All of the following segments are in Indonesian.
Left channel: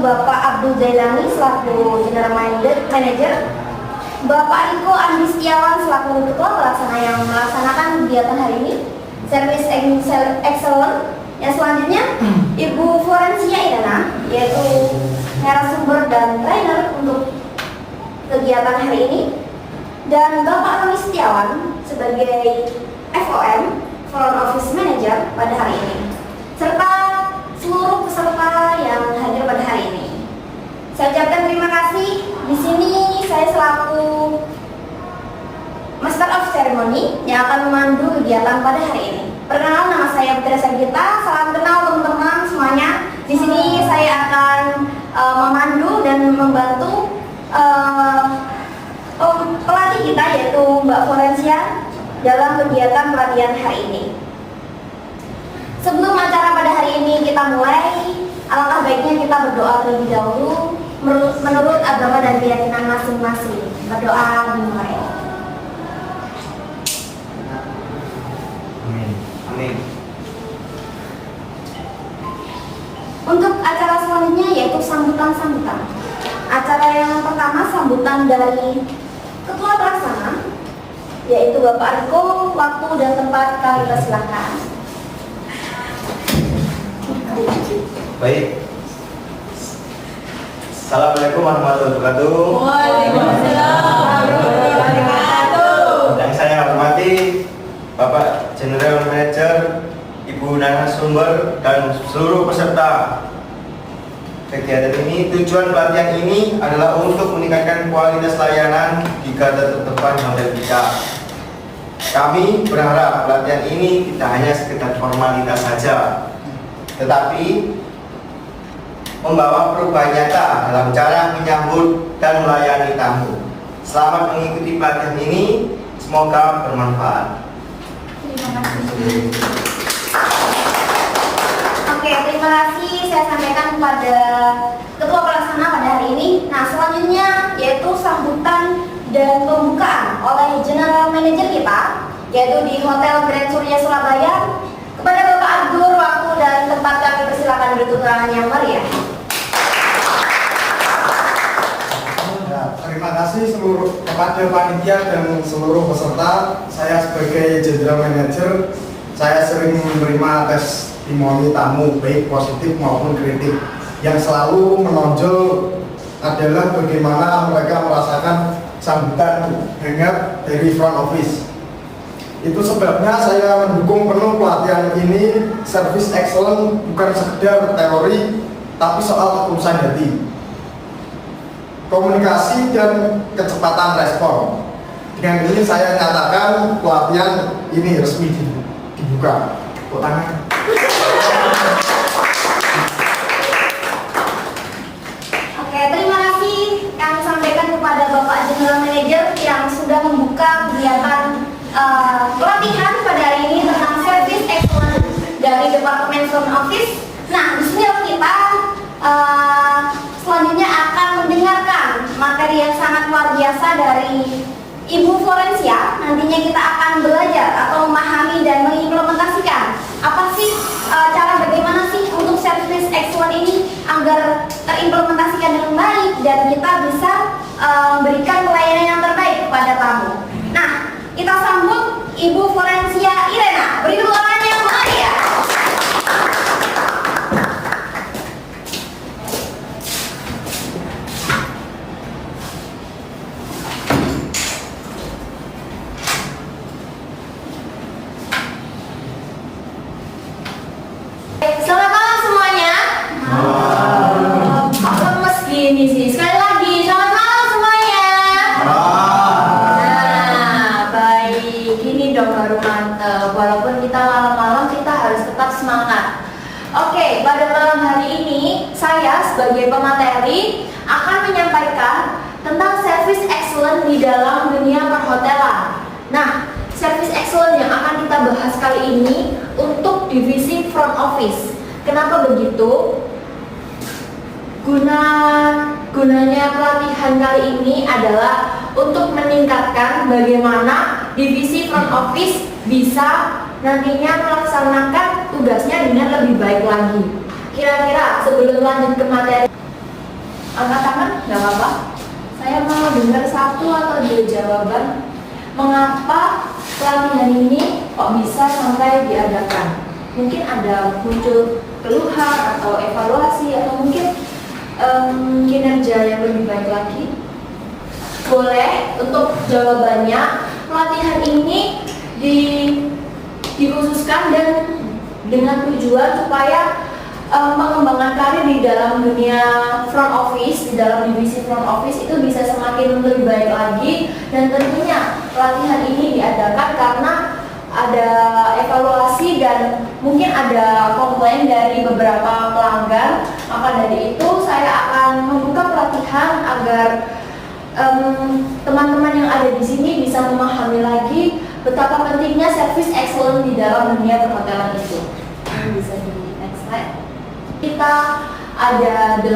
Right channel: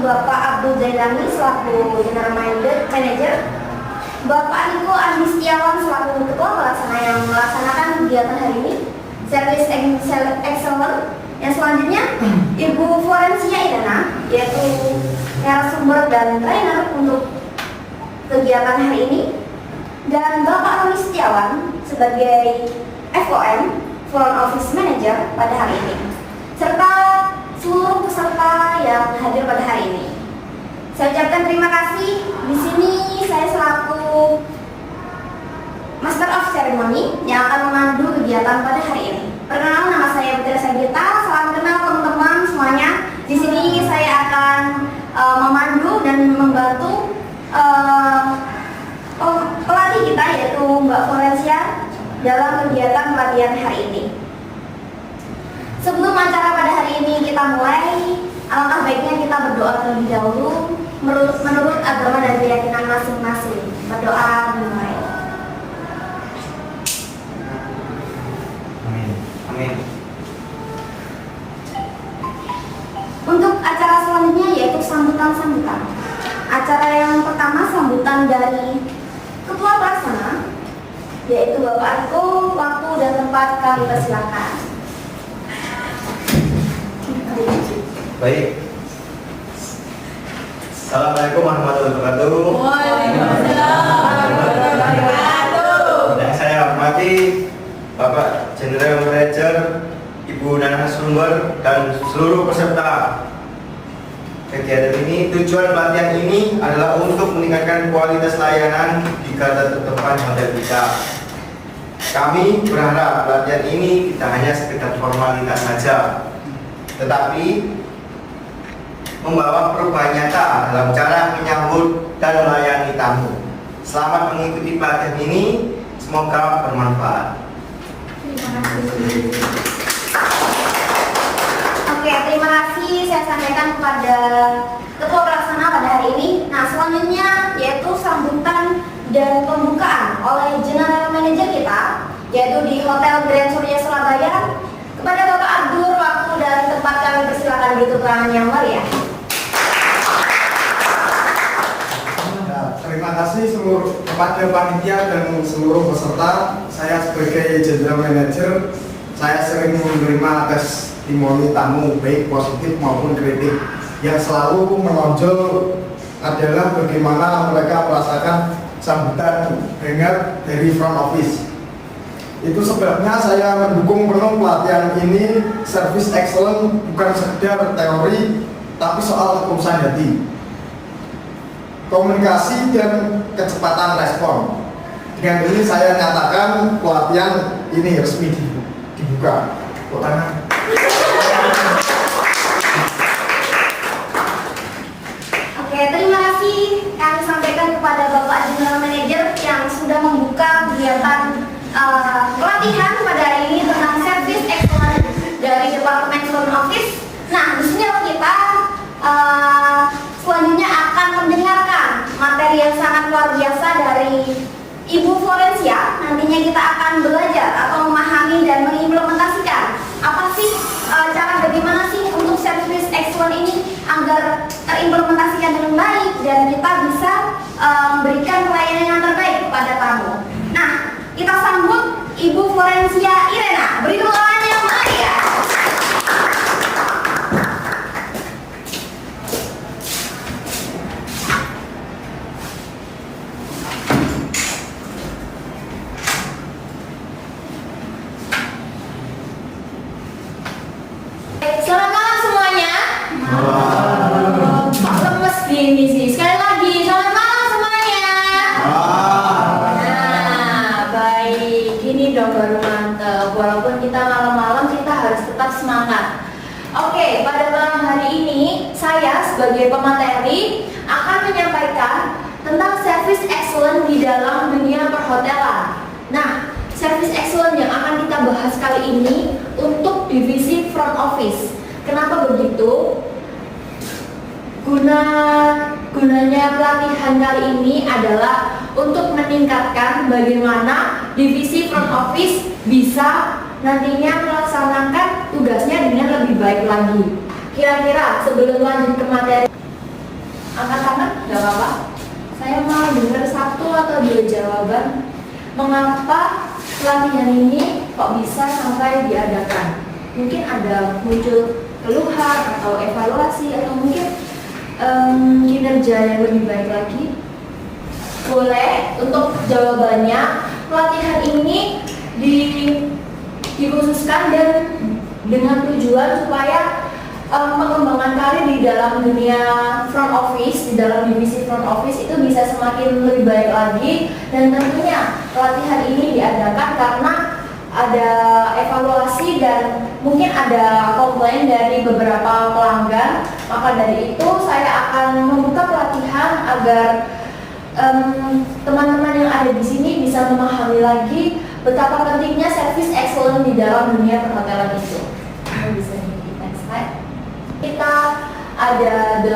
Bapak Abdul Zailani selaku General Manager, Bapak Riko Andi Setiawan selaku Ketua Pelaksana yang melaksanakan kegiatan hari ini, Service Excellent. Yang selanjutnya Ibu Florencia Irena, yaitu narasumber dan trainer untuk kegiatan hari ini, dan Bapak Roni Setiawan sebagai FOM Front Office Manager pada hari ini, serta seluruh peserta yang hadir pada hari ini. Saya ucapkan terima kasih. Di sini saya selaku Master of Ceremony yang akan memandu kegiatan pada hari ini. Perkenalan, nama saya Putri Sagita. Salam kenal teman-teman semuanya. Di sini saya akan memandu dan membantu pelatih kita, yaitu Mbak Florencia, dalam kegiatan pelatihan hari ini. Sebelum acara pada hari ini kita mulai, alangkah baiknya kita berdoa terlebih dahulu menurut agama dan keyakinan masing-masing. Berdoa dimulai. Amin. Amin. Untuk acara selanjutnya yaitu sambutan-sambutan. Acara yang pertama sambutan dari Ketua Pelaksana, yaitu Bapak Riko. Waktu dan tempat kami persilakan. Baik. Assalamualaikum warahmatullahi wabarakatuh. Waalaikumsalam warahmatullahi wabarakatuh. Yang saya hormati Bapak General Manager, Ibu narasumber, dan seluruh peserta kegiatan ini. Tujuan pelatihan ini adalah untuk meningkatkan kualitas layanan di garda terdepan hotel kita. Kami berharap pelatihan ini tidak hanya sekedar formalitas saja, tetapi membawa perubahan nyata dalam cara menyambut dan melayani tamu. Selamat mengikuti pelatihan ini, semoga bermanfaat. Terima kasih. Oke, terima kasih saya sampaikan kepada Ketua Pelaksana pada hari ini. Nah, selanjutnya yaitu sambutan dan pembukaan oleh General Manager kita, yaitu di Hotel Grand Surya Surabaya. Kepada Bapak Abdur, waktu dan tempat kami persilakan berikut keterangan yang mulia. Terima kasih seluruh kepada panitia dan seluruh peserta. Saya sebagai General Manager, saya sering menerima testimoni tamu baik positif maupun kritik. Yang selalu menonjol adalah bagaimana mereka merasakan sambutan hangat dari front office. Itu sebabnya saya mendukung penuh pelatihan ini. Service excellent bukan sekedar teori, tapi soal ketulusan hati, komunikasi, dan kecepatan respon. Dengan ini saya nyatakan pelatihan ini resmi dibuka. Tepuk tangan. Oke, terima kasih kami sampaikan kepada Bapak General Manager yang sudah membuka kegiatan pelatihan pada hari ini tentang Service Excellent dari Departemen Front Office. Nah, di sini kita selanjutnya akan mendengarkan materi yang sangat luar biasa dari Ibu Florencia. Nantinya kita akan belajar atau memahami dan mengimplementasikan apa sih cara bagaimana sih untuk Service Excellent ini agar terimplementasikan dengan baik dan kita bisa memberikan pelayanan yang terbaik kepada tamu. Nah, kita sambut Ibu Florencia Irena. Beri tepuk tangan yang meriah. Selamat malam semuanya. Kok lemes gini sih? Sekali lagi, selamat malam semuanya. Nah, baik. Gini dong baru mantep. Walaupun kita malam-malam, kita harus tetap semangat. Oke, pada malam hari ini saya sebagai pemateri akan menyampaikan tentang service excellent di dalam dunia perhotelan. Nah, service excellent yang akan kita bahas kali ini untuk divisi front office. Kenapa begitu? Gunanya pelatihan kali ini adalah untuk meningkatkan bagaimana divisi front office bisa nantinya melaksanakan tugasnya dengan lebih baik lagi. Kira-kira sebelum lanjut ke materi, Angkat tangan, nggak apa-apa. Saya mau dengar 1 atau 2 jawaban. Mengapa pelatihan ini kok bisa sampai diadakan? Mungkin ada muncul keluhan atau evaluasi atau mungkin kinerja yang lebih baik lagi. Boleh untuk jawabannya, pelatihan ini dikhususkan dan dengan tujuan supaya mengembangkan karir di dalam dunia front office, di dalam divisi front office itu bisa semakin lebih baik lagi. Dan tentunya pelatihan ini diadakan karena ada evaluasi dan mungkin ada komplain dari beberapa pelanggan. Maka dari itu saya akan membuka pelatihan agar teman-teman yang ada di sini bisa memahami lagi betapa pentingnya service excellence di dalam dunia perhotelan itu. Ini bisa di next slide. Kita ada 8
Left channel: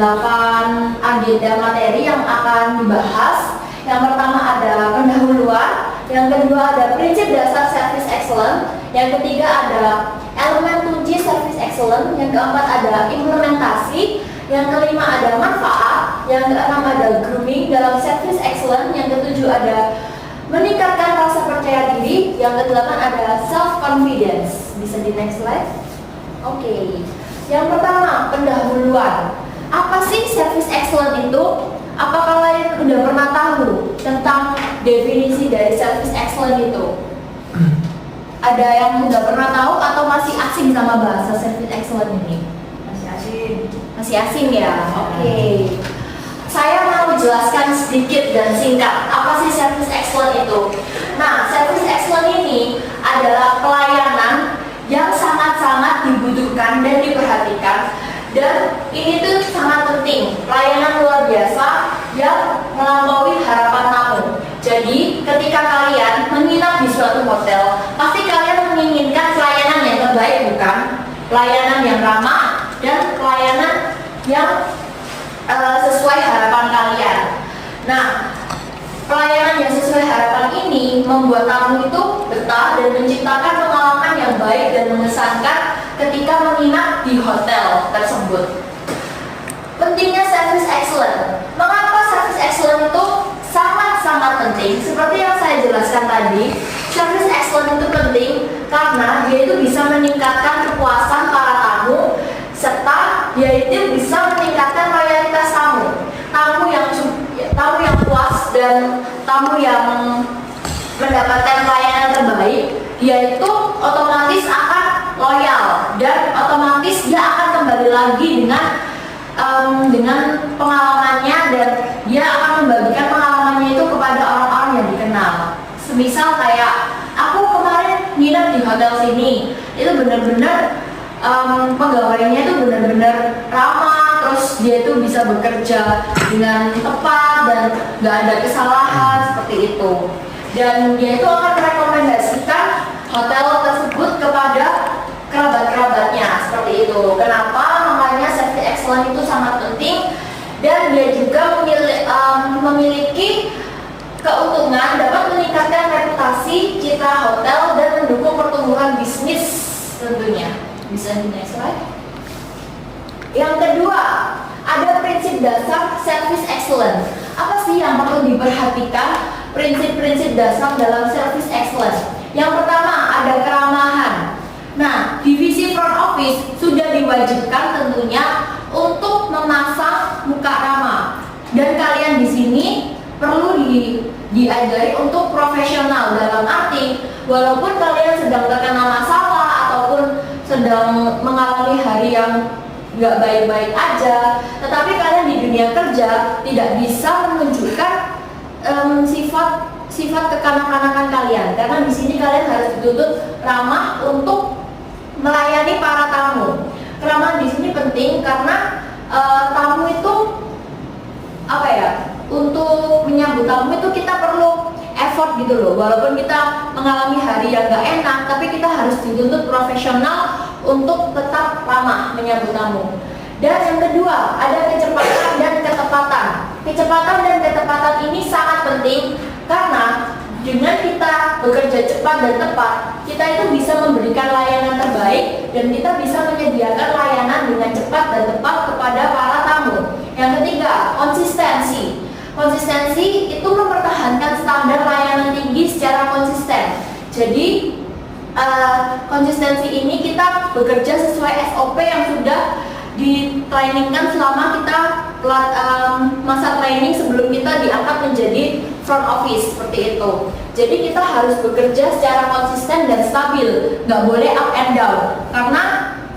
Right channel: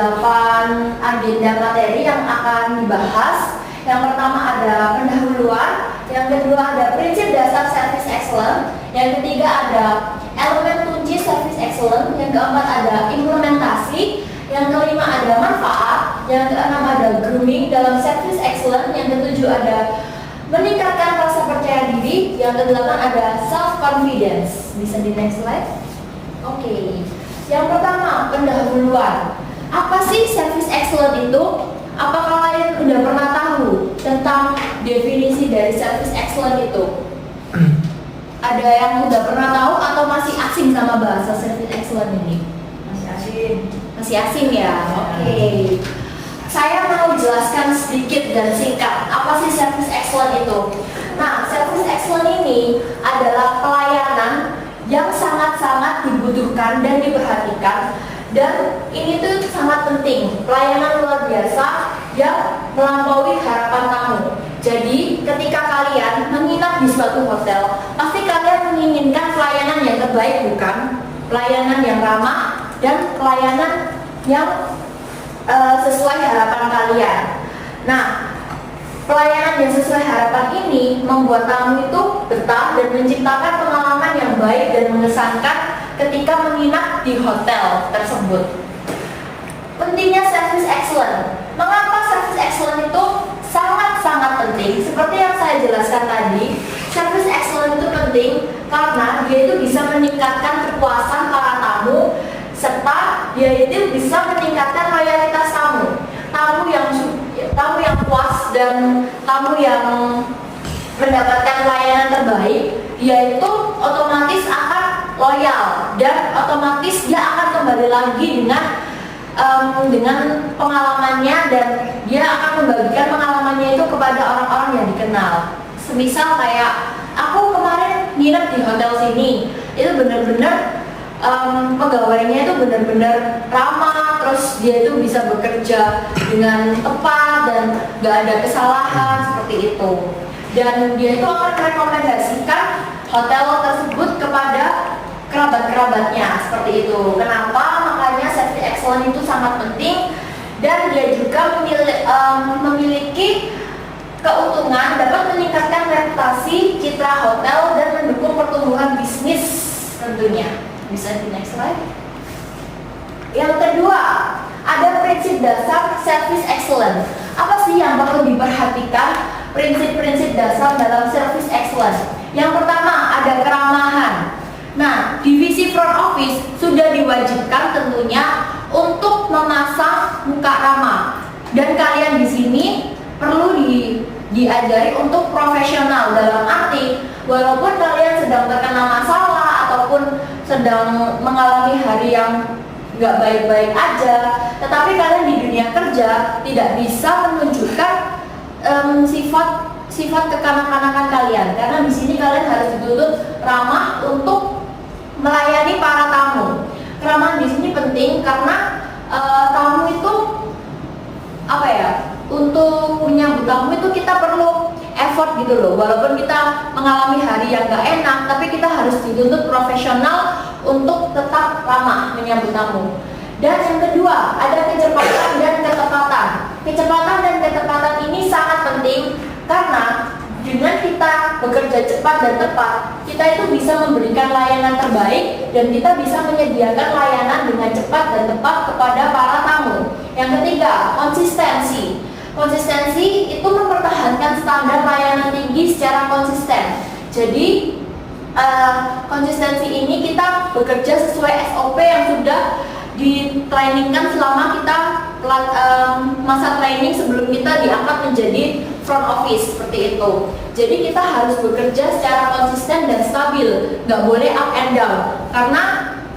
agenda materi yang akan dibahas. Yang pertama ada pendahuluan, yang kedua ada prinsip dasar service excellence, yang ketiga ada elemen kunci service excellence, yang keempat ada implementasi, yang kelima ada manfaat, yang keenam ada grooming dalam service excellence, yang ketujuh ada meningkatkan rasa percaya diri, yang kedelapan ada self confidence. Bisa di next slide. Oke. Yang pertama, pendahuluan. Apa sih service excellence itu? Apakah kalian udah pernah tahu tentang definisi dari service excellence itu? Ada yang udah pernah tahu atau masih asing sama bahasa service excellence ini? Masih asing. Masih asing ya? Oke. Saya mau jelaskan sedikit dan singkat apa sih service excellence itu. Nah, service excellence ini adalah pelayanan yang sangat-sangat dibutuhkan dan diperhatikan, dan ini tuh sangat penting, pelayanan luar biasa yang melampaui harapan kamu. Jadi ketika kalian menginap di suatu hotel, pasti kalian menginginkan pelayanan yang terbaik, bukan? Pelayanan yang ramah dan pelayanan yang sesuai harapan kalian. Nah, pelayanan yang sesuai harapan ini membuat kamu itu betah dan menciptakan pengalaman yang baik dan mengesankan ketika menginap di hotel tersebut. Pentingnya service excellence. Mengapa service excellence itu sangat-sangat penting? Seperti yang saya jelaskan tadi, service excellence itu penting karena dia itu bisa meningkatkan kepuasan para tamu, serta dia itu bisa meningkatkan loyalitas tamu. Tamu yang puas dan tamu yang mendapatkan pelayanan terbaik, dia itu otomatis akan loyal dan otomatis dia akan kembali lagi dengan pengalamannya, dan dia akan membagikan pengalamannya itu kepada orang-orang yang dikenal. Semisal kayak aku kemarin nginep di hotel sini, itu benar-benar pegawainya itu benar-benar ramah, terus dia itu bisa bekerja dengan tepat dan nggak ada kesalahan seperti itu. Dan dia itu akan merekomendasikan hotel tersebut kepada kerabat-kerabatnya seperti itu. Kenapa? Makanya service excellence itu sangat penting, dan dia juga memiliki keuntungan dapat meningkatkan reputasi citra hotel dan mendukung pertumbuhan bisnis tentunya. Bisa di next slide. Yang kedua, ada prinsip dasar service excellence. Apa sih yang perlu diperhatikan prinsip-prinsip dasar dalam service excellence? Yang pertama, ada keramahan. Nah, divisi front office sudah diwajibkan tentunya untuk memasang muka ramah. Dan kalian di sini perlu diajari untuk profesional, dalam arti walaupun kalian sedang terkena masalah ataupun sedang mengalami hari yang nggak baik-baik aja, tetapi kalian di dunia kerja tidak bisa menunjukkan sifat kekanak-kanakan kalian, karena di sini kalian harus dituntut ramah untuk melayani para tamu. Keramahan di sini penting karena tamu itu untuk menyambut tamu itu kita perlu effort gitu loh. Walaupun kita mengalami hari yang gak enak, tapi kita harus dituntut profesional untuk tetap ramah menyambut tamu. Dan yang kedua, ada kecepatan dan ketepatan. Kecepatan dan ketepatan ini sangat penting karena dengan kita bekerja cepat dan tepat, kita itu bisa memberikan layanan terbaik dan kita bisa menyediakan layanan dengan cepat dan tepat kepada para tamu. Yang ketiga, konsistensi. Konsistensi itu mempertahankan standar layanan tinggi secara konsisten. Jadi konsistensi ini kita bekerja sesuai SOP yang sudah ditrainingkan selama kita masa training sebelum kita diangkat menjadi front office seperti itu. Jadi kita harus bekerja secara konsisten dan stabil, nggak boleh up and down. Karena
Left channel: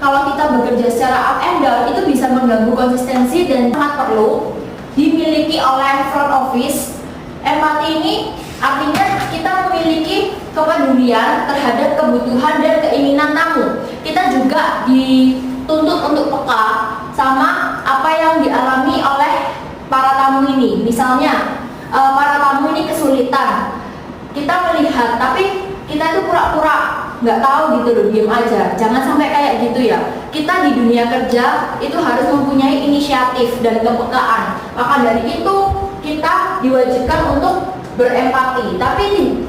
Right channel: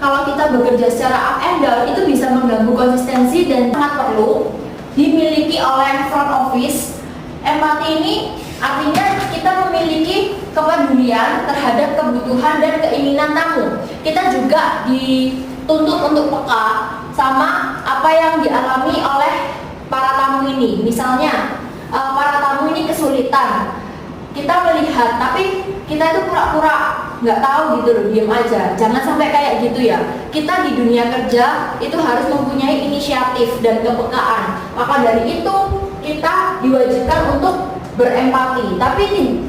kalau kita bekerja secara up and down itu bisa mengganggu konsistensi dan sangat perlu dimiliki oleh front office. Empati ini artinya kita memiliki kepedulian terhadap kebutuhan dan keinginan tamu. Kita juga dituntut untuk peka sama apa yang dialami oleh para tamu ini. Misalnya para tamu ini kesulitan, kita melihat tapi kita itu pura-pura nggak tahu gitu loh, diem aja. Jangan sampai kayak gitu ya. Kita di dunia kerja itu harus mempunyai inisiatif dan kepekaan. Maka dari itu kita diwajibkan untuk berempati. Tapi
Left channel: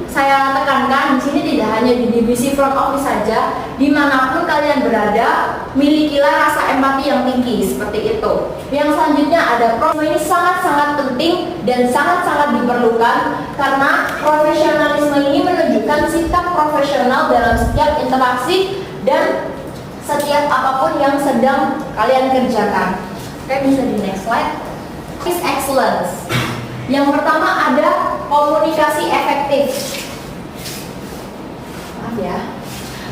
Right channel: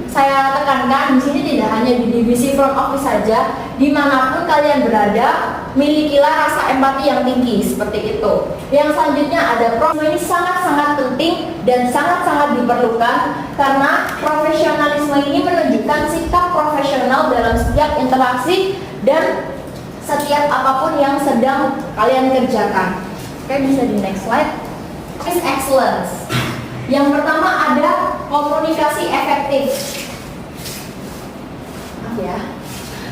saya tekankan di sini tidak hanya di divisi front office saja, dimanapun kalian berada, milikilah rasa empati yang tinggi seperti itu. Yang selanjutnya ada ini sangat-sangat penting dan sangat-sangat diperlukan karena profesionalisme ini menunjukkan sikap profesional dalam setiap interaksi dan setiap apapun yang sedang kalian kerjakan. Oke, bisa di next slide. Office excellence. Yang pertama ada komunikasi efektif. Maaf ya.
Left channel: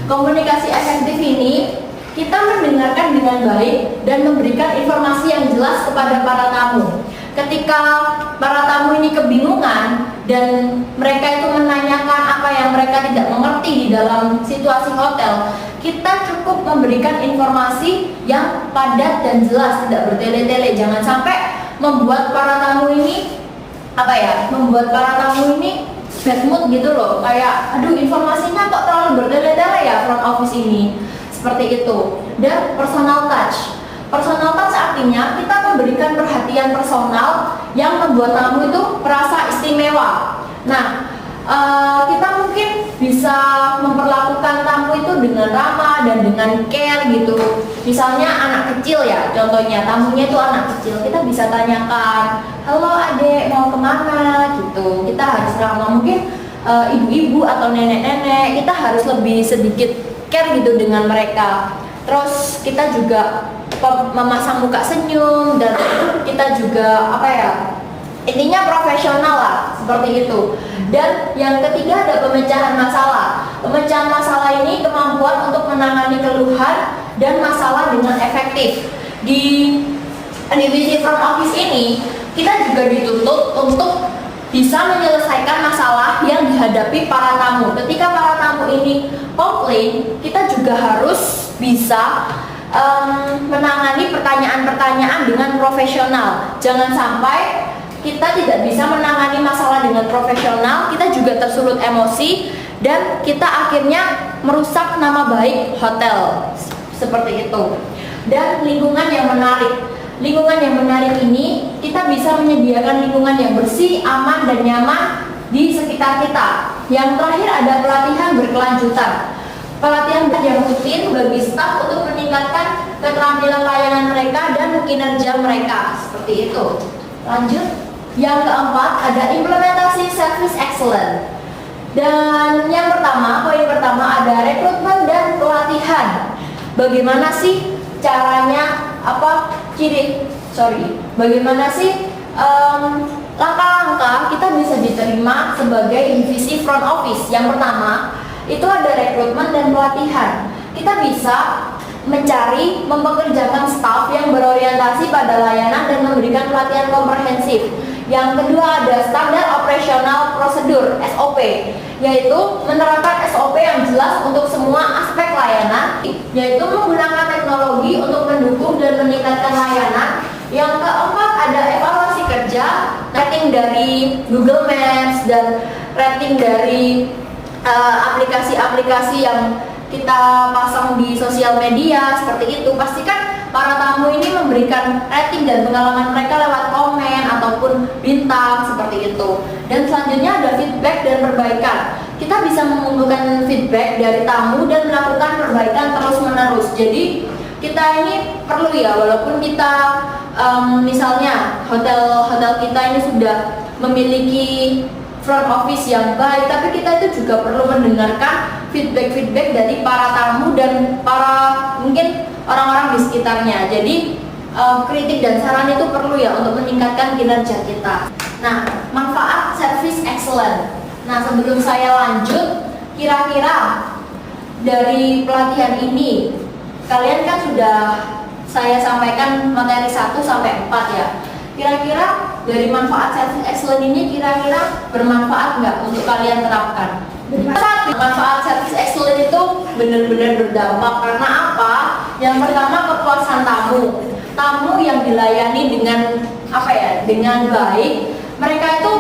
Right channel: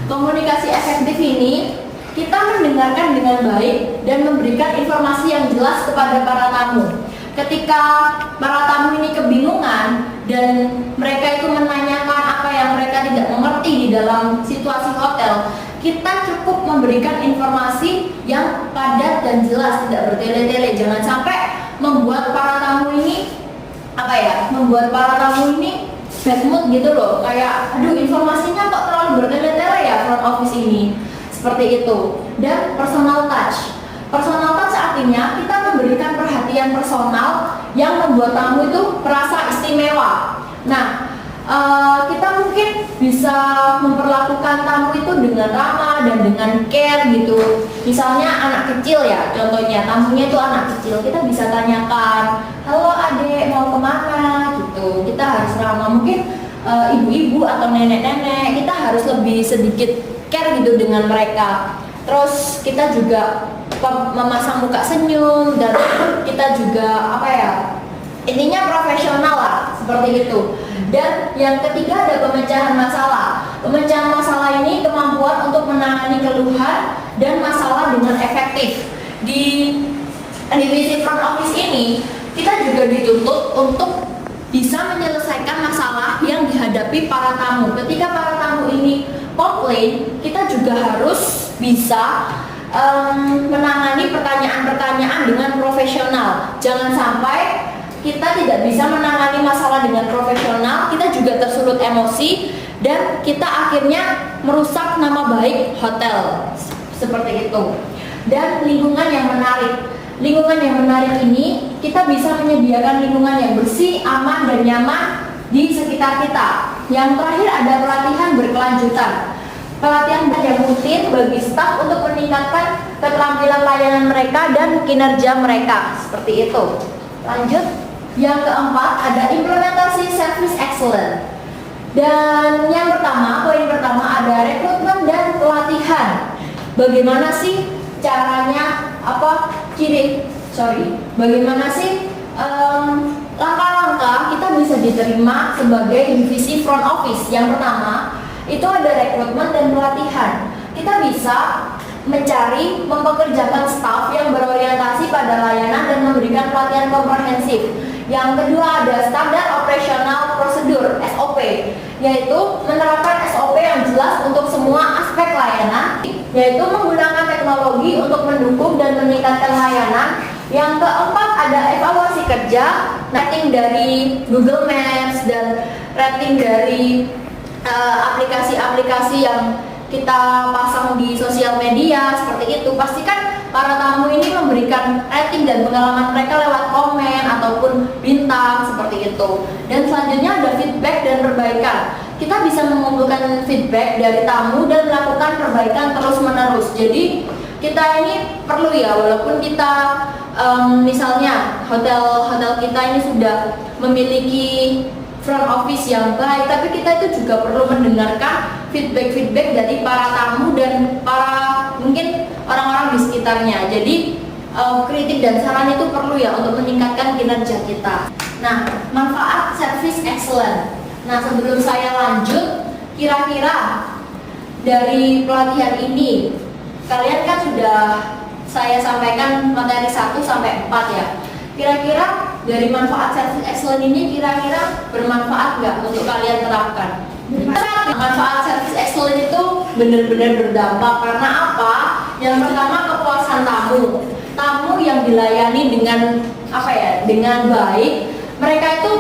Komunikasi efektif ini kita mendengarkan dengan baik dan memberikan informasi yang jelas kepada para tamu. Ketika para tamu ini kebingungan dan mereka itu menanyakan apa yang mereka tidak mengerti di dalam situasi hotel, kita cukup memberikan informasi yang padat dan jelas, tidak bertele-tele. Jangan sampai membuat para tamu ini membuat para tamu ini bad mood gitu loh, kayak aduh informasinya kok terlalu bertele-tele ya front office ini, seperti itu. Dan personal touch artinya kita memberikan perhatian personal yang membuat tamu itu merasa istimewa. Nah, kita mungkin bisa memperlakukan tamu itu dengan ramah dan dengan care gitu. Misalnya anak kecil ya, contohnya tamunya itu anak kecil, kita bisa tanyakan, halo adek mau kemana gitu. Kita harus ramah. Mungkin ibu-ibu atau nenek-nenek, kita harus lebih sedikit care gitu dengan mereka. Terus kita juga memasang muka senyum dan kita juga intinya profesional lah, seperti itu. Dan yang ketiga ada pemecahan masalah. Pemecahan masalah ini kemampuan untuk menangani keluhan dan masalah dengan efektif. Di divisi front office ini kita juga dituntut untuk bisa menyelesaikan masalah yang dihadapi para tamu. Ketika para tamu ini komplain, kita juga harus bisa menangani pertanyaan-pertanyaan dengan profesional. Jangan sampai kita tidak bisa menangani masalah dengan profesional, kita juga tersulut emosi dan kita akhirnya merusak nama baik hotel, seperti itu. Dan lingkungan yang menarik. Lingkungan yang menarik ini kita bisa menyediakan lingkungan yang bersih, aman dan nyaman di sekitar kita. Yang terakhir ada pelatihan berkelanjutan. Pelatihan yang rutin bagi staf untuk meningkatkan keterampilan layanan mereka dan kinerja mereka, seperti itu. Lanjut. Yang keempat ada implementasi service excellence. Dan yang pertama, poin pertama ada rekrutmen dan pelatihan. Bagaimana sih caranya, bagaimana sih langkah-langkah kita bisa diterima sebagai divisi front office. Yang pertama itu ada rekrutmen dan pelatihan. Kita bisa mempekerjakan staf yang berorientasi pada layanan dan memberikan pelatihan komprehensif. Yang kedua ada standar operasional prosedur SOP, yaitu menerapkan SOP yang jelas untuk semua aspek layanan, yaitu menggunakan teknologi untuk mendukung dan meningkatkan layanan. Yang keempat ada evaluasi kerja, rating dari Google Maps dan rating dari aplikasi-aplikasi yang kita pasang di sosial media, seperti itu. Pastikan para tamu ini memberikan rating dan pengalaman mereka lewat komen ataupun bintang, seperti itu. Dan selanjutnya ada feedback dan perbaikan. Kita bisa mengumpulkan feedback dari tamu dan melakukan perbaikan terus menerus. Jadi kita ini perlu ya, walaupun kita misalnya hotel kita ini sudah memiliki front office yang baik, tapi kita itu juga perlu mendengarkan feedback dari para tamu dan para mungkin orang-orang di sekitarnya. Jadi kritik dan saran itu perlu ya untuk meningkatkan kinerja kita. Nah, manfaat service excellent. Nah, sebelum saya lanjut, kira-kira dari pelatihan ini kalian kan sudah saya sampaikan materi 1 sampai 4 ya. Kira-kira dari manfaat service excellent ini kira-kira bermanfaat nggak untuk kalian terapkan? Manfaat service excellent itu benar-benar berdampak karena apa? Yang pertama, kepuasan tamu. Tamu yang dilayani dengan dengan baik, mereka itu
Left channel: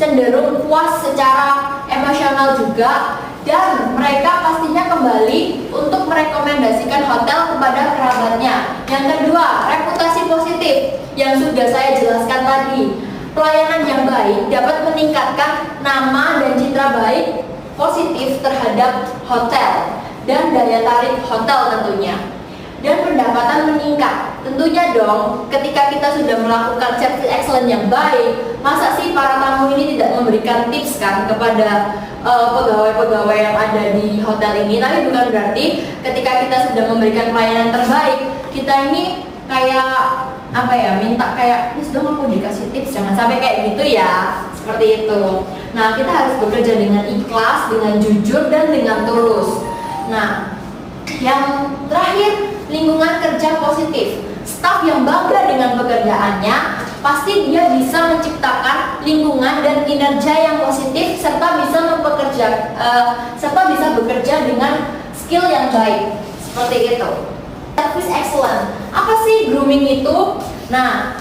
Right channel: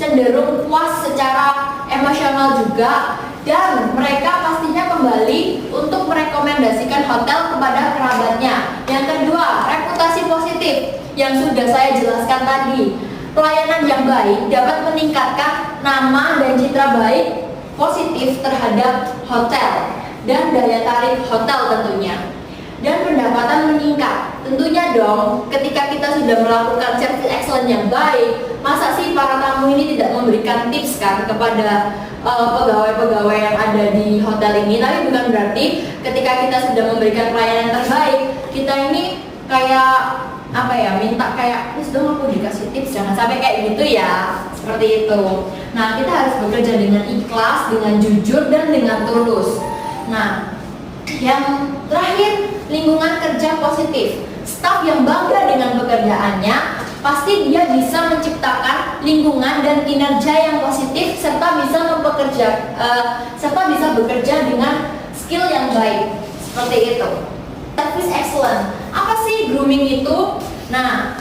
cenderung puas secara emosional juga, dan mereka pastinya kembali untuk merekomendasikan hotel kepada kerabatnya. Yang kedua, reputasi positif yang sudah saya jelaskan tadi. Pelayanan yang baik dapat meningkatkan nama dan citra baik positif terhadap hotel dan daya tarik hotel tentunya. Dan pendapatan meningkat. Tentunya dong, ketika kita sudah melakukan service excellent yang baik, masa sih para tamu ini tidak memberikan tips kan kepada pegawai-pegawai yang ada di hotel ini. Tapi bukan berarti ketika kita sudah memberikan pelayanan terbaik, kita ini kayak minta kayak, please dong aku dikasih tips, jangan sampai kayak gitu ya, seperti itu. Nah, kita harus bekerja dengan ikhlas, dengan jujur, dan dengan tulus. Nah, yang terakhir, lingkungan kerja positif. Staf yang bangga dengan pekerjaannya, pasti dia bisa menciptakan lingkungan dan kinerja yang positif, serta bisa bekerja dengan skill yang baik. Seperti itu. Service excellent. Apa sih grooming itu? Nah,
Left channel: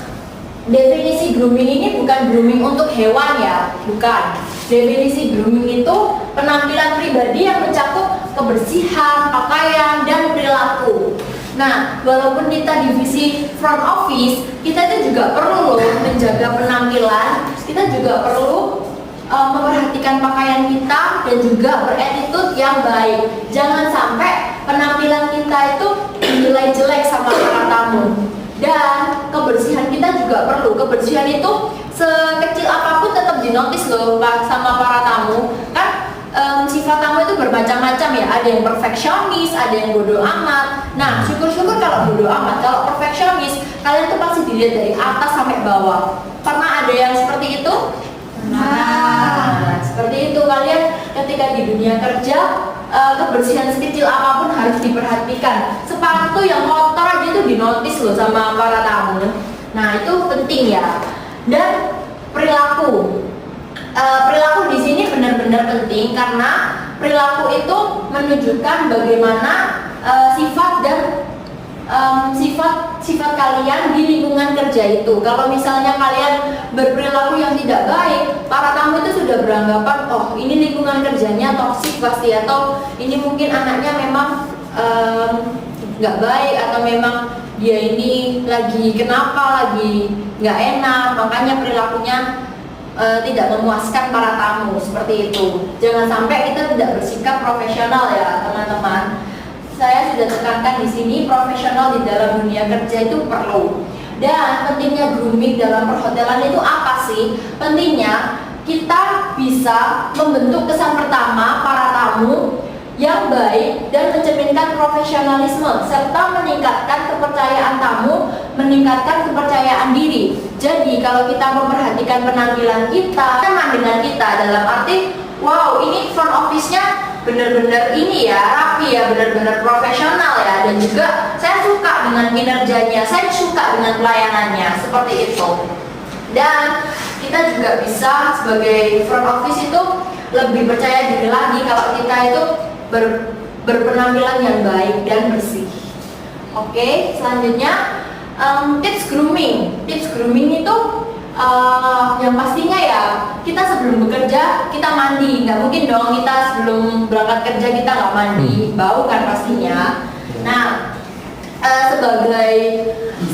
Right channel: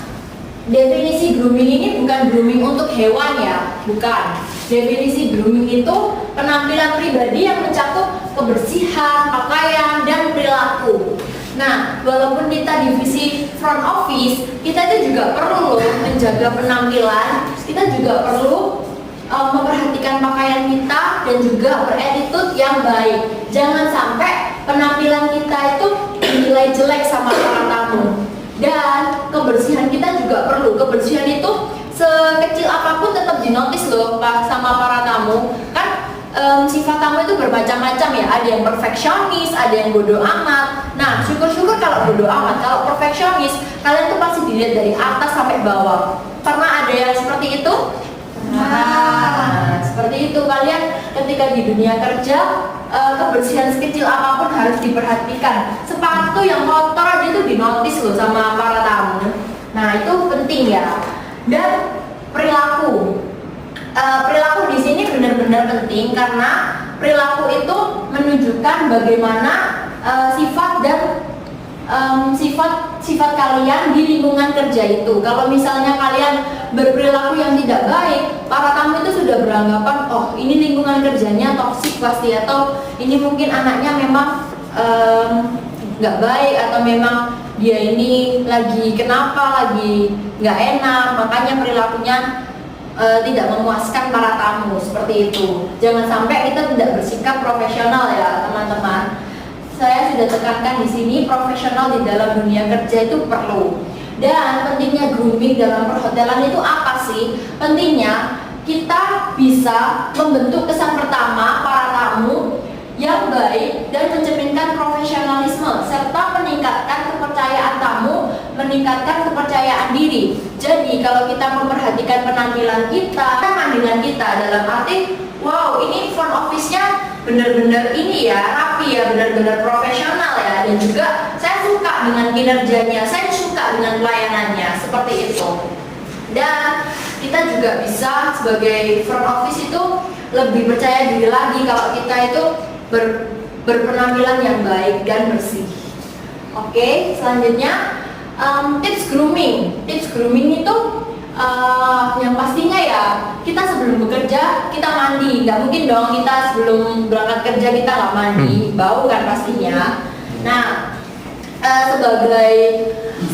definisi grooming ini bukan grooming untuk hewan ya, bukan. Definisi grooming itu penampilan pribadi yang mencakup kebersihan, pakaian, dan perilaku. Nah, walaupun kita divisi front office, kita itu juga perlu menjaga penampilan, kita juga perlu memperhatikan pakaian kita dan juga berattitude yang baik. Jangan sampai penampilan kita itu dinilai jelek sama para tamu. Dan kebersihan kita juga perlu. Kebersihan itu sekecil apapun tetap dinotis loh sama para tamu. Kan sifat tamu itu bermacam-macam ya. Ada yang perfeksionis, ada yang bodoh amat. Nah, syukur-syukur kalau bodoh amat. Kalau perfeksionis, kalian tuh pasti dilihat dari atas sampai bawah. Pernah ada yang seperti itu? Nah, seperti itu. Kalian ketika di dunia kerja, kebersihan sekecil apapun harus diperhatikan. Sepatu yang kotor aja itu dinotis loh sama para tamu. Nah, itu penting ya. Dan perilaku. Perilaku di sini benar-benar penting karena perilaku itu menunjukkan bagaimana sifat dan sifat kalian di lingkungan kerja itu. Kalau misalnya kalian berperilaku yang tidak baik, para tamu itu sudah beranggapan, oh ini lingkungan kerjanya toksik pasti, atau ini mungkin anaknya memang nggak baik, atau memang dia ini lagi nggak enak, makanya perilakunya tidak memuaskan para tamu, seperti itu. Jangan sampai kita tidak bersikap profesional ya teman-teman. Saya sudah tekankan di sini, profesional di dalam dunia kerja itu perlu. Dan pentingnya grooming dalam perhotelan itu apa sih? Pentingnya kita bisa membentuk kesan pertama para tamu yang baik dan mencerminkan profesionalisme serta meningkatkan kepercayaan tamu, meningkatkan kepercayaan diri. Jadi kalau kita memperhatikan penampilan kita, teman dengan kita dalam arti, wow ini front office-nya benar-benar ini ya, rapi ya, benar-benar profesional ya, dan juga saya suka dengan kinerjanya, saya suka dengan pelayanannya, seperti itu. Dan kita juga bisa sebagai front office itu lebih percaya diri lagi kalau kita itu berpenampilan yang baik dan bersih. Oke, selanjutnya tips grooming. Tips grooming itu yang pastinya ya, kita sebelum bekerja kita mandi. Nggak mungkin dong kita sebelum berangkat kerja kita nggak mandi, bau kan pastinya. Nah,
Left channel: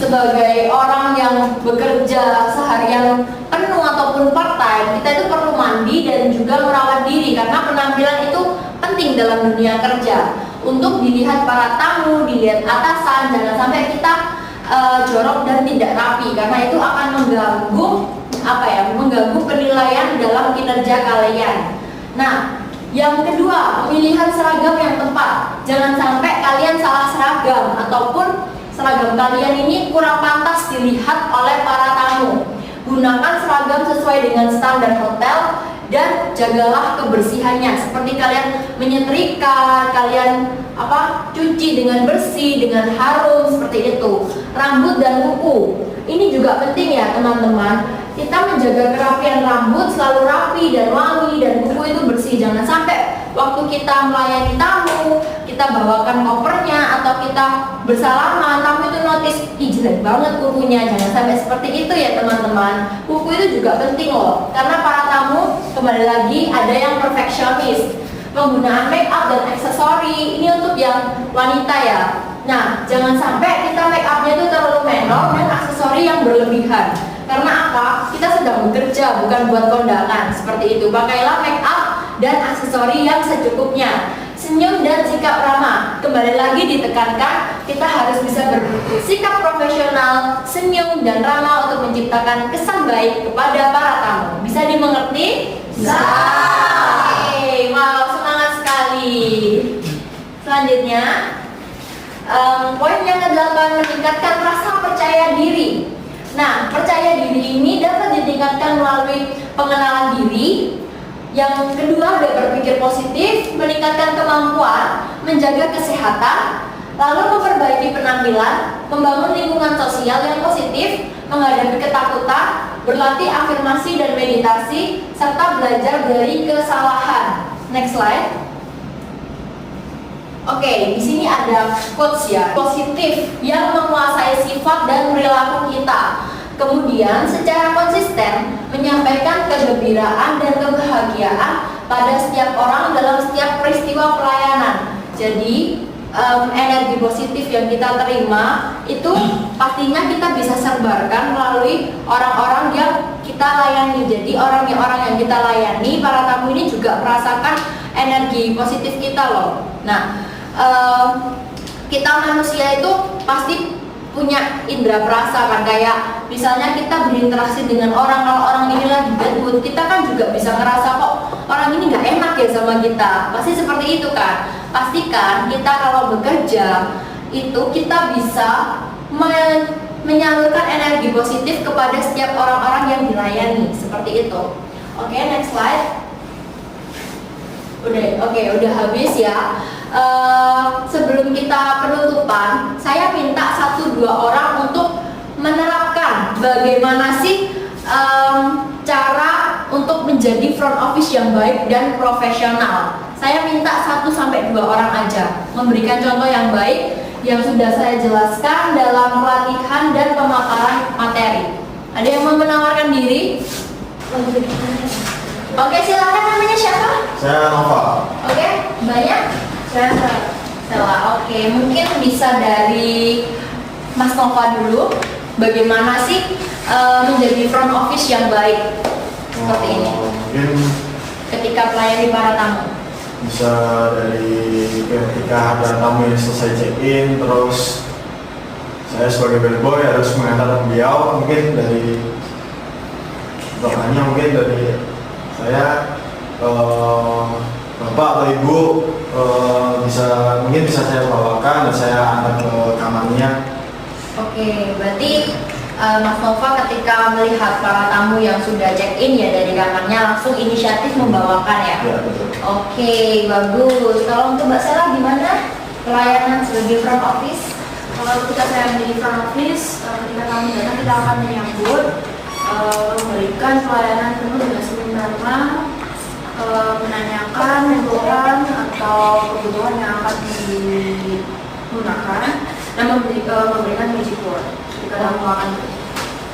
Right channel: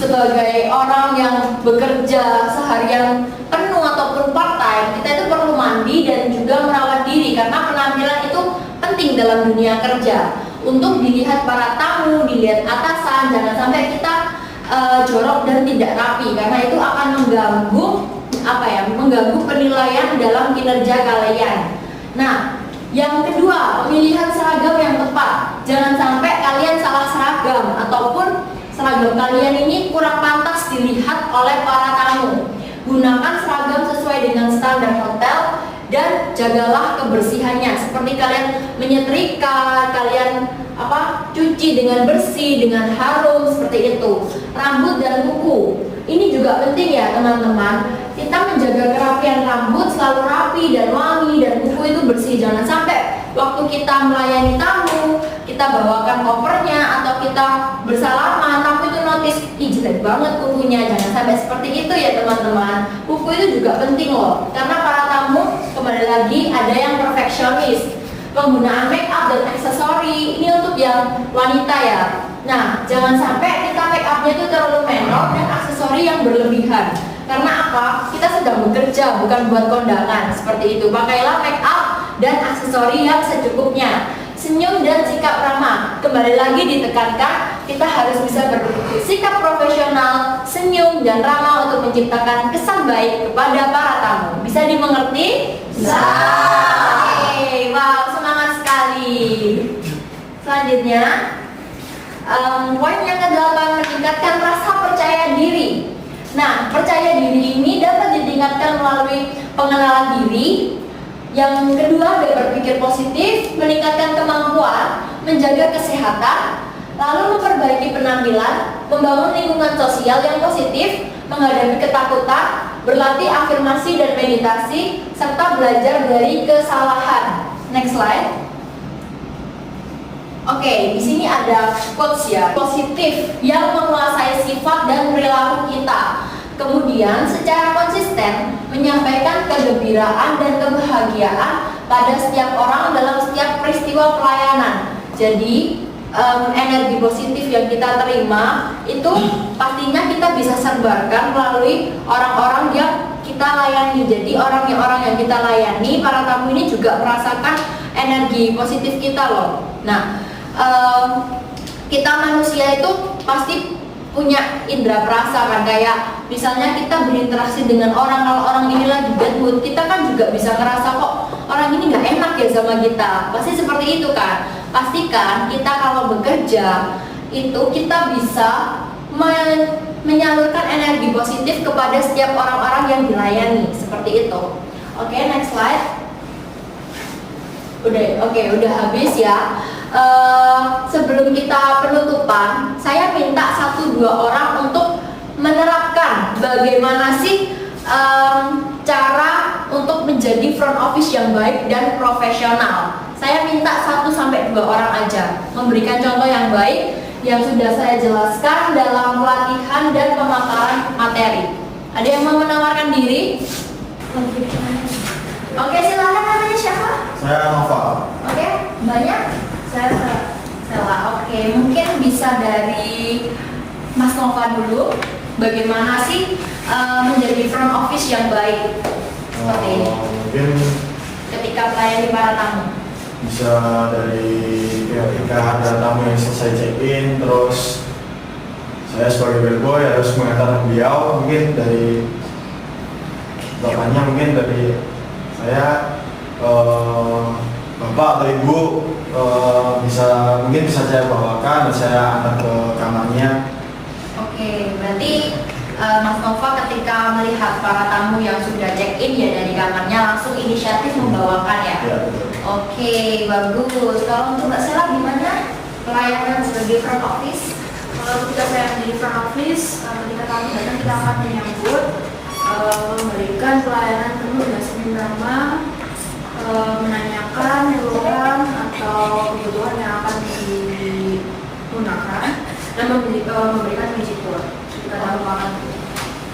sebagai orang yang bekerja seharian penuh ataupun part time, kita itu perlu mandi dan juga merawat diri karena penampilan itu penting dalam dunia kerja. Untuk dilihat para tamu, dilihat atasan, jangan sampai kita jorok dan tidak rapi, karena itu akan mengganggu mengganggu penilaian dalam kinerja kalian. Nah, yang kedua, pemilihan seragam yang tepat. Jangan sampai kalian salah seragam ataupun seragam kalian ini kurang pantas dilihat oleh para tamu. Gunakan seragam sesuai dengan standar hotel dan jagalah kebersihannya. Seperti kalian menyetrika, kalian cuci dengan bersih, dengan harum seperti itu. Rambut dan kuku. Ini juga penting ya teman-teman. Kita menjaga kerapian rambut selalu rapi dan wangi, dan kuku itu bersih. Jangan sampai waktu kita melayani tamu, kita bawakan kopernya atau kita bersalaman, tamu itu notice, ih jelek banget kukunya. Jangan sampai seperti itu ya teman-teman. Kuku itu juga penting loh, karena para tamu kembali lagi ada yang perfeksionis. Penggunaan make up dan aksesori ini untuk yang wanita ya. Nah, jangan sampai kita make upnya itu terlalu menor dan aksesori yang berlebihan. Karena apa? Kita sedang bekerja, bukan buat kondangan. Seperti itu. Pakailah make up dan aksesori yang secukupnya. Senyum dan sikap ramah. Kembali lagi ditekankan, kita harus bisa bersikap profesional, senyum dan ramah untuk menciptakan kesan baik kepada para tamu. Bisa dimengerti? Bisa. Oke, wow, semangat sekali. Selanjutnya, poin yang ke-8, meningkatkan rasa percaya diri. Nah, percaya diri ini dapat ditingkatkan melalui pengenalan diri. Yang kedua, berpikir positif, meningkatkan kemampuan, menjaga kesehatan, lalu memperbaiki penampilan, membangun lingkungan sosial yang positif, menghadapi ketakutan, berlatih afirmasi dan meditasi, serta belajar dari kesalahan. Next slide. Oke, di sini ada quotes ya, positif yang menguasai sifat dan perilaku kita. Kemudian secara konsisten menyampaikan kegembiraan dan kebahagiaan pada setiap orang dalam setiap peristiwa pelayanan. Jadi energi positif yang kita terima itu pastinya kita bisa sebarkan melalui orang-orang yang kita layani. Jadi orang-orang yang kita layani, para tamu ini juga merasakan energi positif kita loh. Nah, kita manusia itu pasti punya indera perasa kan, kayak misalnya kita berinteraksi dengan orang, kalau orang ini lagi bad mood, kita kan juga bisa ngerasa kok orang ini nggak enak ya sama kita, pasti seperti itu kan. Pastikan kita kalau bekerja itu kita bisa menyalurkan energi positif kepada setiap orang-orang yang dilayani, seperti itu. Oke, next slide. Udah habis ya. Sebelum kita penutupan, saya minta 1-2 orang untuk menerapkan bagaimana sih cara untuk menjadi front office yang baik dan profesional. Saya minta 1-2 orang aja memberikan contoh yang baik yang sudah saya jelaskan dalam pelatihan dan pemaparan materi. Ada yang mau menawarkan diri? Oke, silakan, namanya siapa? Saya Nova. Oke, banyak? Sela. Oke, mungkin bisa dari Mas Nova dulu. Bagaimana sih menjadi front office yang baik seperti ini? Mungkin Ketika melayani para tamu. bisa dari ketika ada tamu yang selesai check-in, terus saya sebagai bellboy harus mengantar beliau. Mungkin dari contohnya, mungkin dari saya bapak atau ibu mungkin bisa saya bawakan dan saya antar ke kamarnya. Oke, berarti Mas Nova ketika melihat para tamu yang sudah check-in ya dari kamarnya langsung inisiatif membawakan ya? Ya, betul. Oke, bagus. Kalau untuk Mbak Sela gimana pelayanan sebagai front office? Kalau kita sedang di front office, ketika tamu datang kita akan menyambut, memberikan pelayanan penuh dengan senyum ramah, menanyakan kebutuhan atau kebutuhan yang akan digunakan, dan memberikan puji Tuhan ketika tamu akan.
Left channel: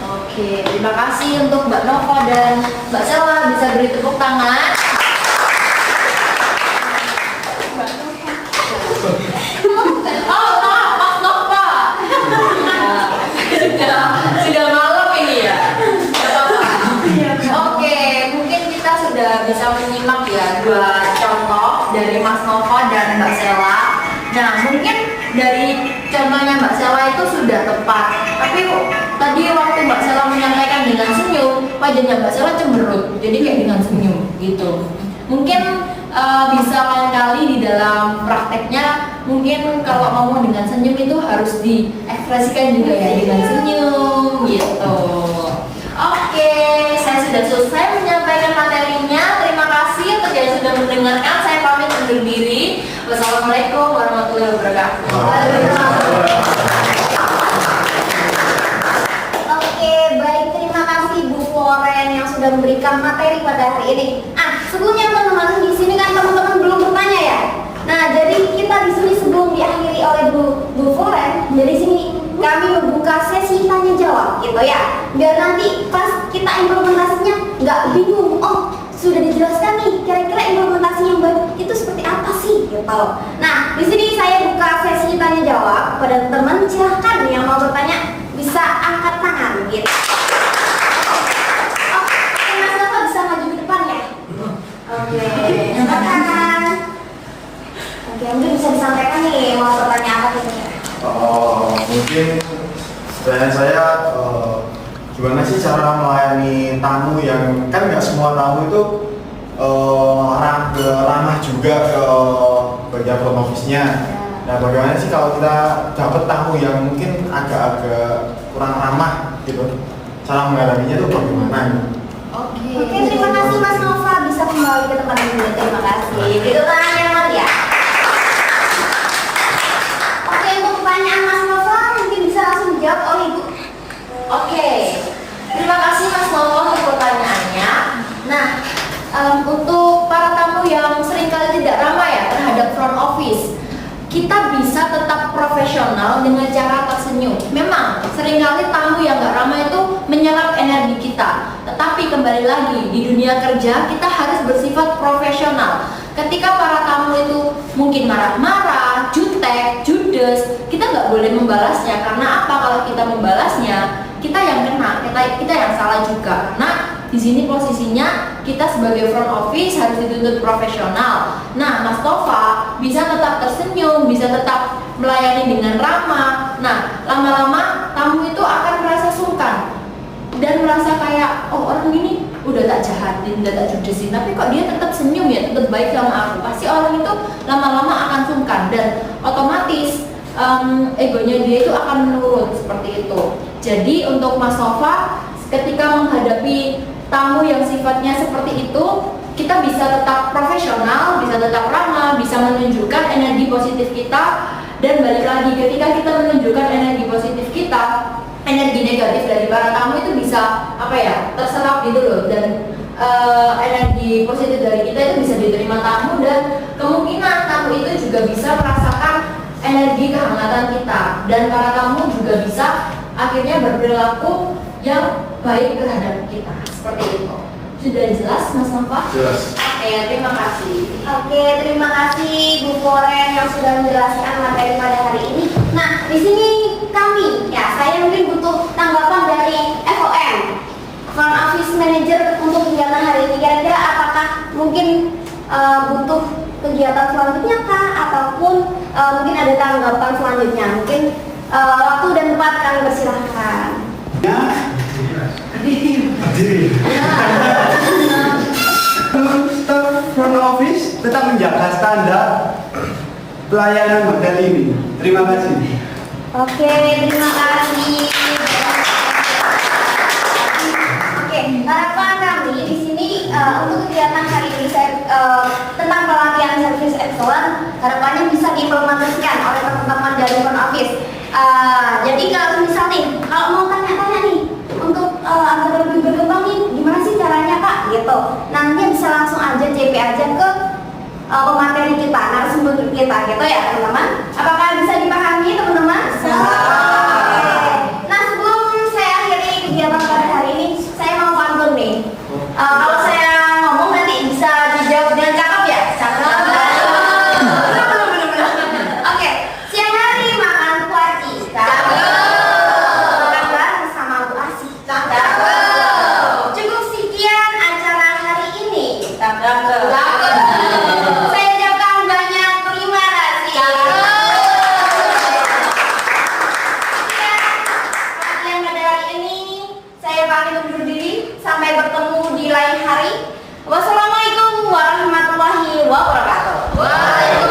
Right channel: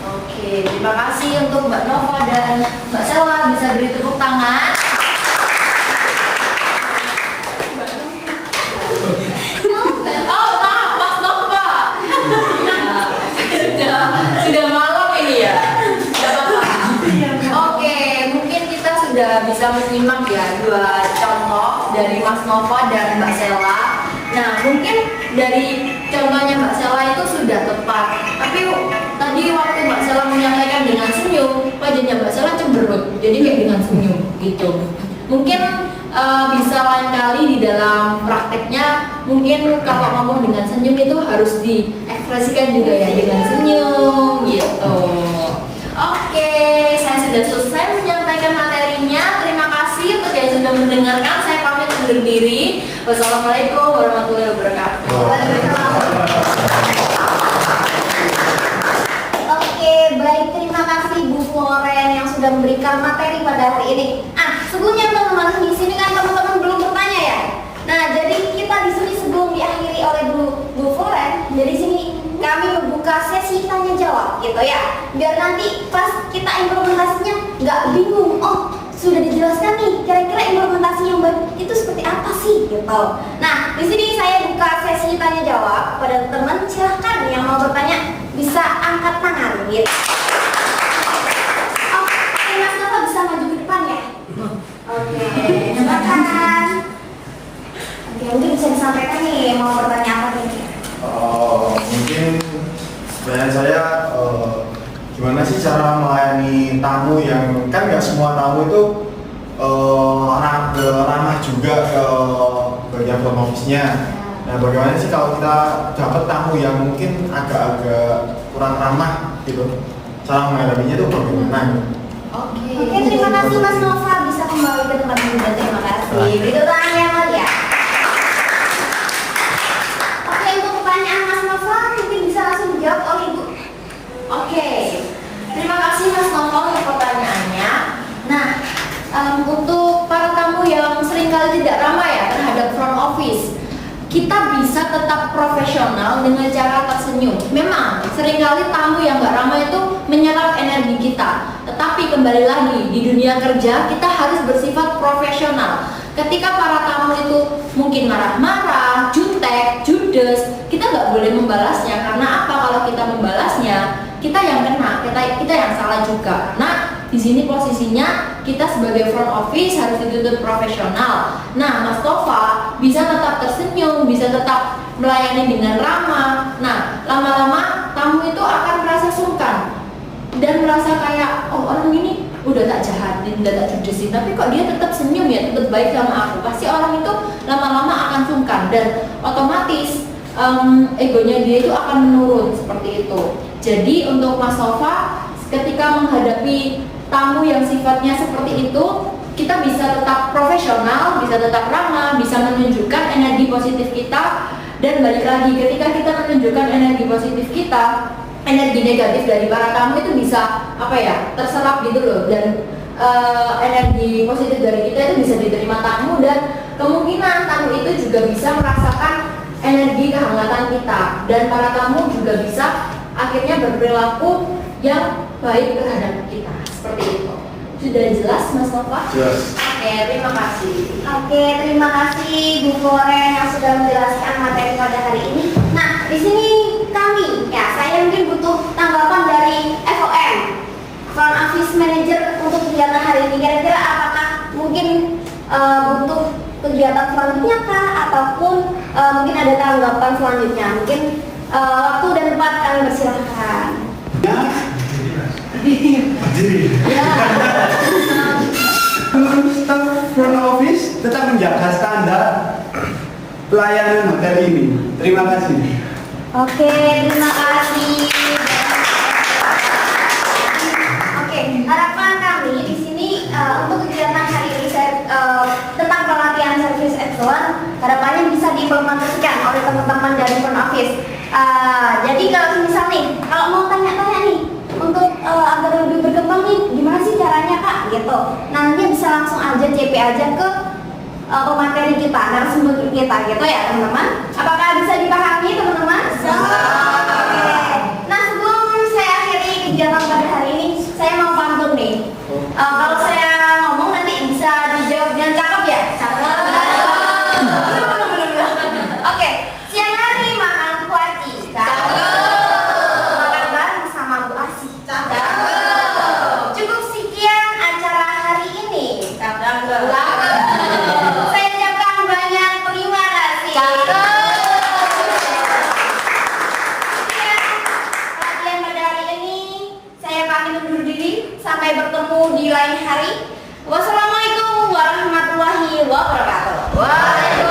Oke, terima kasih untuk Mbak Nova dan Mbak Sela, bisa beri tepuk tangan. Oh, nah, Mas Nova. Sudah malam ini ya. Nggak apa-apa. Oke, mungkin kita sudah bisa menyimak ya 2 contoh dari Mas Nova dan Mbak Sela. Nah, mungkin dari contohnya Mbak Sela itu sudah tepat. Tapi tadi waktu Mbak Sela menyampaikan dengan senyum, wajahnya Mbak Sela cemberut, jadi kayak dengan senyum gitu. Mungkin bisa lain kali di dalam prakteknya, mungkin kalau ngomong dengan senyum itu harus diekspresikan juga ya dengan senyum gitu. Oke, saya sudah selesai menyampaikan materinya. Terima kasih untuk yang sudah mendengarkan. Saya pamit undur diri. Wassalamualaikum warahmatullahi wabarakatuh. Oke, baik, terima kasih Bu Floren yang sudah memberikan materi pada hari ini. Sebelumnya teman-teman di sini kan teman-teman belum bertanya ya. Nah, jadi kita di sini sebelum diakhiri oleh Bu Floren, dari sini kami membuka sesi tanya jawab gitu ya. Biar nanti pas kita implementasinya nggak bingung. Oh, sudah dijelaskan nih, kira-kira implementasi yang baik itu seperti apa sih gitu. Nah, di sini saya buka sesi tanya jawab pada teman. Silahkan yang mau bertanya bisa angkat tangan gitu. Oke, Mas Nova bisa maju ke depan ya. Oke, silakan. Oke, mungkin bisa disampaikan nih mau bertanya apa nih? Mungkin pertanyaan saya gimana sih cara melayani tamu yang kan nggak semua tamu itu ramah juga ke bagian front office-nya. Nah, bagaimana sih kalau kita dapat tamu yang mungkin agak-agak kurang ramah gitu, cara menghadapinya itu bagaimana? Oke, terima kasih Mas Nova, bisa kembali ke tempat juga. Terima kasih. Itu tangannya Nol ya. Oke, untuk pertanyaan Mas Nova mungkin bisa langsung dijawab oleh Ibu. Oke, terima kasih Mas Novo untuk pertanyaannya. Nah, untuk para tamu yang seringkali tidak ramah ya terhadap front office, kita bisa tetap profesional dengan cara tersenyum. Memang seringkali tamu yang nggak ramah itu menyerap energi kita. Tetapi kembali lagi di dunia kerja kita harus bersifat profesional. Ketika para tamu itu mungkin marah-marah, jutek, judes, kita nggak boleh membalasnya. Karena apa? Kalau kita membalasnya, kita yang kena, kita yang salah juga. Nah, di sini posisinya kita sebagai front office harus dituntut profesional. Nah, Mas Tova bisa tetap tersenyum, bisa tetap melayani dengan ramah. Nah, lama-lama tamu itu akan merasa sungkan dan merasa kayak, oh orang ini udah tak jahatin, udah tak judesin, tapi kok dia tetap senyum ya, tetap baik sama aku. Pasti orang itu lama-lama akan sungkan dan otomatis egonya dia itu akan menurun seperti itu. Jadi untuk Mas Tova, ketika menghadapi tamu yang sifatnya seperti itu, kita bisa tetap profesional, bisa tetap ramah, bisa menunjukkan energi positif kita. Dan balik lagi, ketika kita menunjukkan energi positif kita, energi negatif dari para tamu itu bisa terserap gitu loh. Dan energi positif dari kita itu bisa diterima tamu, dan kemungkinan tamu itu juga bisa merasakan energi kehangatan kita, dan para tamu juga bisa akhirnya berperilaku yang baik terhadap kita. Seperti itu. Sudah jelas Mas Nova? Jelas. Oke, terima kasih. Oke, terima kasih Bu Floren yang sudah menjelaskan materi pada hari ini. Nah, di sini kami, saya mungkin butuh tanggapan dari FOM, Front Office Manager, untuk kegiatan hari ini. Kira-kira apakah mungkin butuh kegiatan selanjutnya kah, ataupun mungkin ada tanggapan selanjutnya? Mungkin waktu dan tempat kami persilahkan. Staf front office tetap menjaga standar pelayanan hotel ini. Terima kasih. Oke, terima kasih. Oke, harapan kami di sini untuk kegiatan hari ini tentang pelatihan service excellence, harapannya bisa diimplementasikan oleh teman-teman dari front office. Jadi kalau misal nih, kalau mau tanya-tanya nih untuk agar lebih berkembang nih, gimana sih caranya Kak? Gitu. Nanti bisa langsung aja CP aja ke pemateri kita, narasumber kita gitu ya teman-teman. Apakah bisa dipahami teman-teman? Oke. Nah, sebelum saya akhiri kegiatan pada hari ini, saya mau pantun nih. Kalau saya ngomong nanti bisa dijawab dengan cakep ya? Cakep. Belum. Oke. Siang hari makan kuaci. Cakep. Makan bareng sama Bu Asih. Cakep. Cukup sekian acara hari ini. Cakep. Saya ucapkan banyak terima kasih. hari. Wassalamualaikum warahmatullahi wabarakatuh.